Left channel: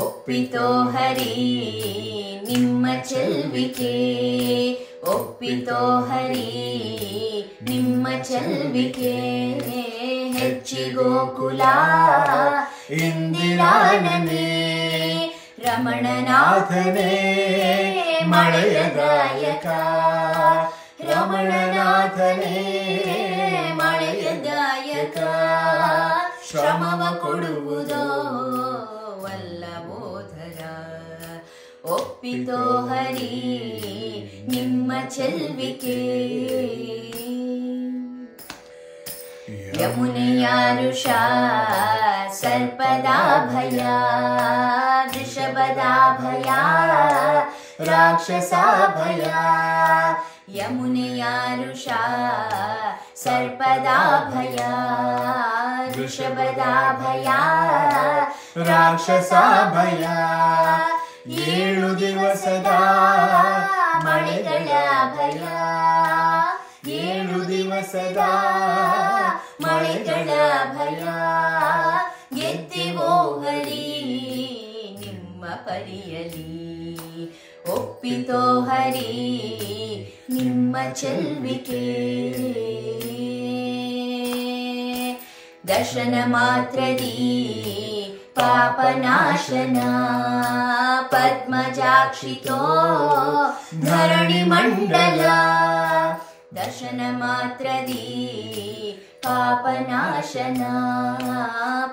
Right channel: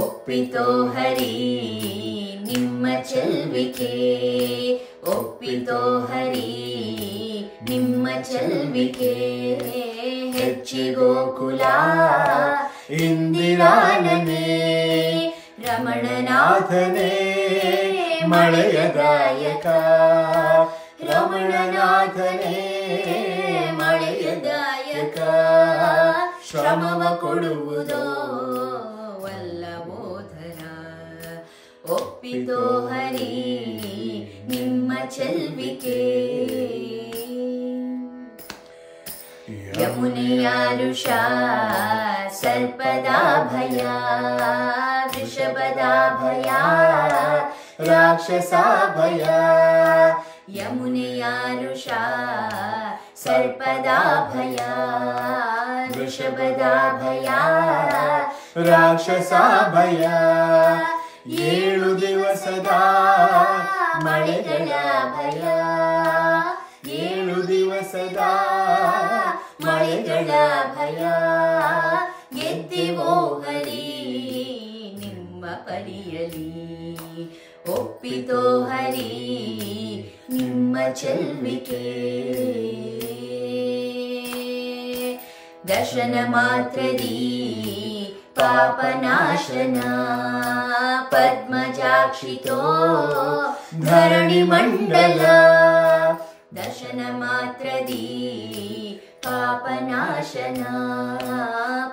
ಒಪ್ಪಿತೋ ಹರಿ ನಿಮ್ಮ ಚೆಲ್ವಿಕೆ, ಒಪ್ಪಿತೋ ಹರಿ ನಿಮ್ಮ ಚೆಲ್ವಿಕೆ. ಹೆಚ್ಚಿಗೋಕುಲ ಇಂದಿರಾನನೇ, ರಮಣನಾಥನೇ ಮಳೆಯ ಗಾಯಕ, ರಮಣನಾಥನೇ ಮಳೆಯ ಗಾಯಕ. ಶ್ರಮವ ಕೊಡುವುದೋ ವಲ್ಲಭೋಧರ, ಒಪ್ಪಿತೋ ಹರಿ ನಿಮ್ಮ ಚೆಲ್ವಿಕೆ. ಯಮುನೆಯ ಋಷ ಸರ್ಪದ ಭಯ, ವೃಷಭದ ಭಯ ರಾಕ್ಷಸ ಭಯ. ಯಮುನೆಯ ಋಷ ಸರ್ಪದ ಭಯ, ವೃಷಭದ ಭಯ ರಾಕ್ಷಸ ಭಯ. 7 ದಿವಸದ ಮಳೆಗಳ ಭಯ, 7 ದಿವಸದ ಮಳೆಗಳ ಭಯ. ಗೆದ್ದೆವೋ ಹರಿ ನಿಮ್ಮ ಪರಿಯಲಿ, ಒಪ್ಪಿತೋ ಹರಿ ನಿಮ್ಮ ಚೆಲ್ವಿಕೆ. ದರ್ಶನ ಮಾತ್ರದಿ ಪಾಪನಾಶನ, ಪದ್ಮಜಾಕ್ಷಿತೋ ಧರಣಿ ಮಂಡಲ. ದರ್ಶನ ಮಾತ್ರದಿ ಪಾಪನಾಶನ,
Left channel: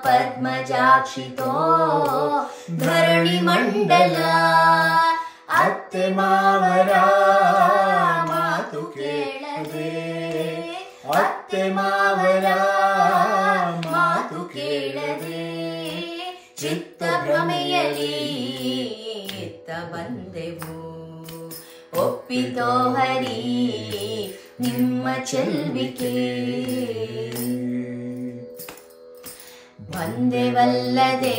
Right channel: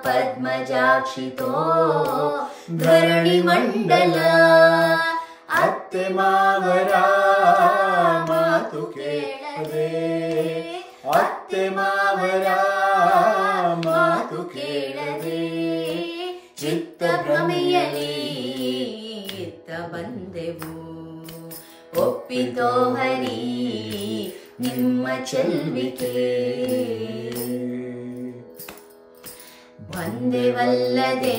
ಪದ್ಮಜಾಕ್ಷಿತೋ ಧರಣಿ ಮಂಡಲ. ಅತ್ತೆ ಮಾವರ ಮಾತು ಕೇಳದೆ, ಅತ್ತೆ ಮಾವರ ಮಾತು ಕೇಳದೆ. ಚಿತ್ತ ಭ್ರಮೆಯಲಿ ಇತ್ತ ಬಂದೆವು, ಒಪ್ಪಿತೋ ಹರಿ ನಿಮ್ಮ ಚೆಲ್ವಿಕೆ. ಬಂದೆವಲ್ಲದೆ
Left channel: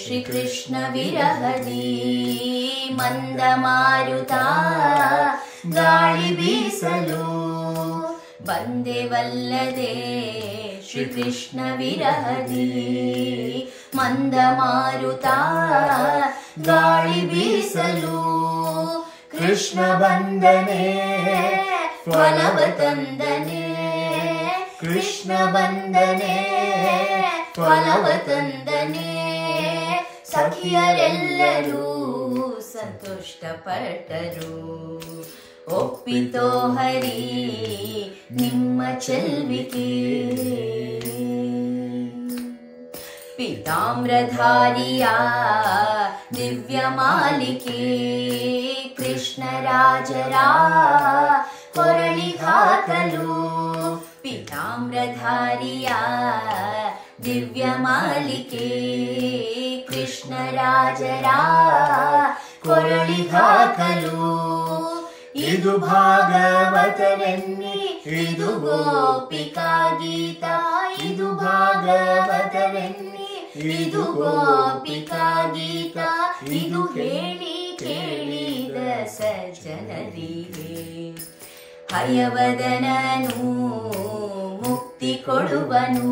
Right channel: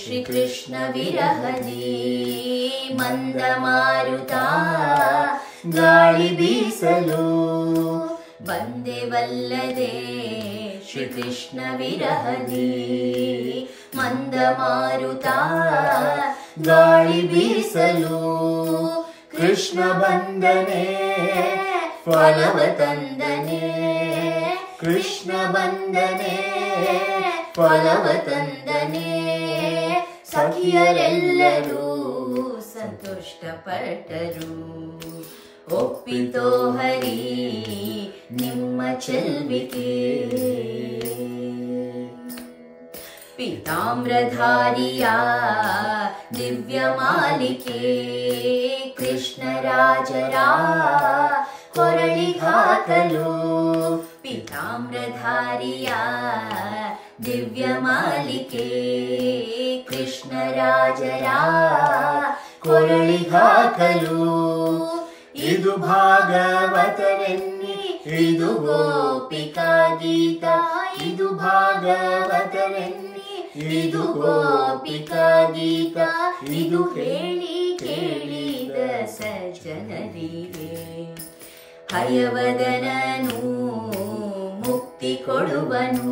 ಶ್ರೀಕೃಷ್ಣ ವಿರಹದಿ, ಮಂದ ಮಾರುತ ಗಾಳಿ ಬೀಸಲು. ಬಂದೆವಲ್ಲದೆ ಶ್ರೀಕೃಷ್ಣ ವಿರಹದಿ, ಮಂದ ಮಾರುತ ಗಾಳಿ ಬೀಸಲು. ಕೃಷ್ಣ ಬಂದನೆ ಫಲವ ತಂದನೆ, ಕೃಷ್ಣ ಬಂದನೆ ಫಲವ ತಂದನೆ. ಸಖಿಯರೆಲ್ಲರೂ ಸಂತುಷ್ಟಪಟ್ಟರು, ಒಪ್ಪಿತೋ ಹರಿ ನಿಮ್ಮ ಚೆಲ್ವಿಕೆ. ಪೀತಾಮ್ರಧಾರಿಯ ದಿವ್ಯ ಮಾಲಿಕೆ, ಕೃಷ್ಣರಾಜರ ಕೊರಳಿಗಾಕಲು. ಪೀತಾಮ್ರಧಾರಿಯ ದಿವ್ಯ ಮಾಲಿಕೆ, ಕೃಷ್ಣರಾಜರ ಕೊರಳಿಗಾಕಲು. ಇದು ಭಾಗವತವೆನ್ನಿ ಇದು ಗೋಪಿಕಾ ಗೀತ, ಇದು ಭಾಗವತವೆನ್ನಿ ಇದು ಗೋಪಿಕಾ ಗೀತ. ಇದು ಹೇಳಿ ಕೇಳಿದ ಸಜ್ಜನರಿಗೆ, ಹಯವದನನು ಮುಕ್ತಿ ಕೊಡುವನು,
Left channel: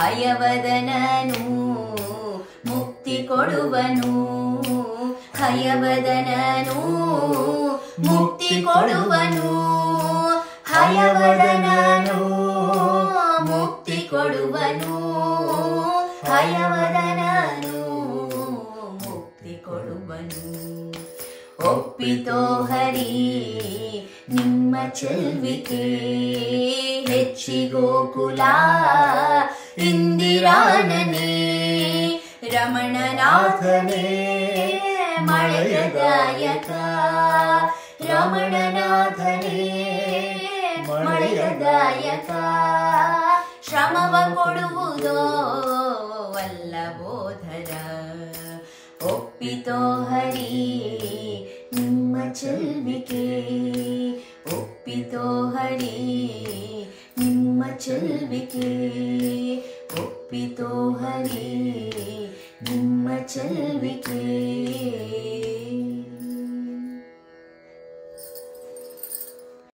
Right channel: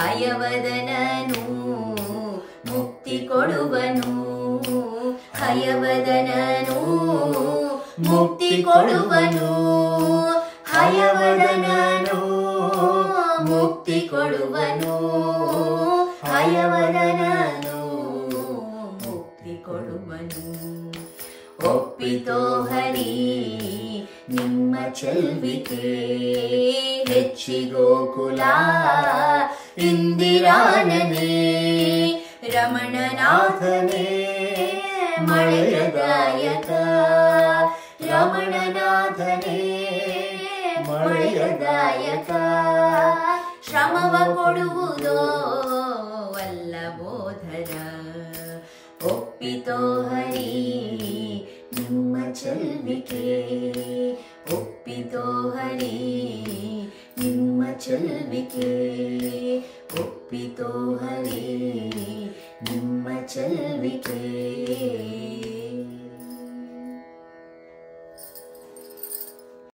ಹಯವದನನು ಮುಕ್ತಿ ಕೊಡುವನು. ಹಯವದನನು ಮುಕ್ತಿ ಕೊಡುವನು, ಹಯವದನನು ಮುಕ್ತಿ ಕೊಡುವನು, ಹಯವದನನು ಮುಕ್ತಿ ಕೊಡುವನು. ಒಪ್ಪಿತೋ ಹರಿ ನಿಮ್ಮ ಚೆಲ್ವಿಕೆ. ಹೆಚ್ಚಿಗೋಕುಲ ಇಂದಿರಾನನೇ, ರಮಣನಾಥನೇ ಮಳೆಯ ಗಾಯಕ, ರಮಣನಾಥನೇ ಮಳೆಯ ಗಾಯಕ. ಶ್ರಮವ ಕೊಡುವುದೋ ವಲ್ಲಭೋಧರ, ಒಪ್ಪಿತೋ ಹರಿ ನಿಮ್ಮ ಚೆಲ್ವಿಕೆ. ಒಪ್ಪಿತೋ ಹರಿ ನಿಮ್ಮ ಚೆಲ್ವಿಕೆ, ಒಪ್ಪಿತೋ ಹರಿ ನಿಮ್ಮ ಚೆಲ್ವಿಕೆ.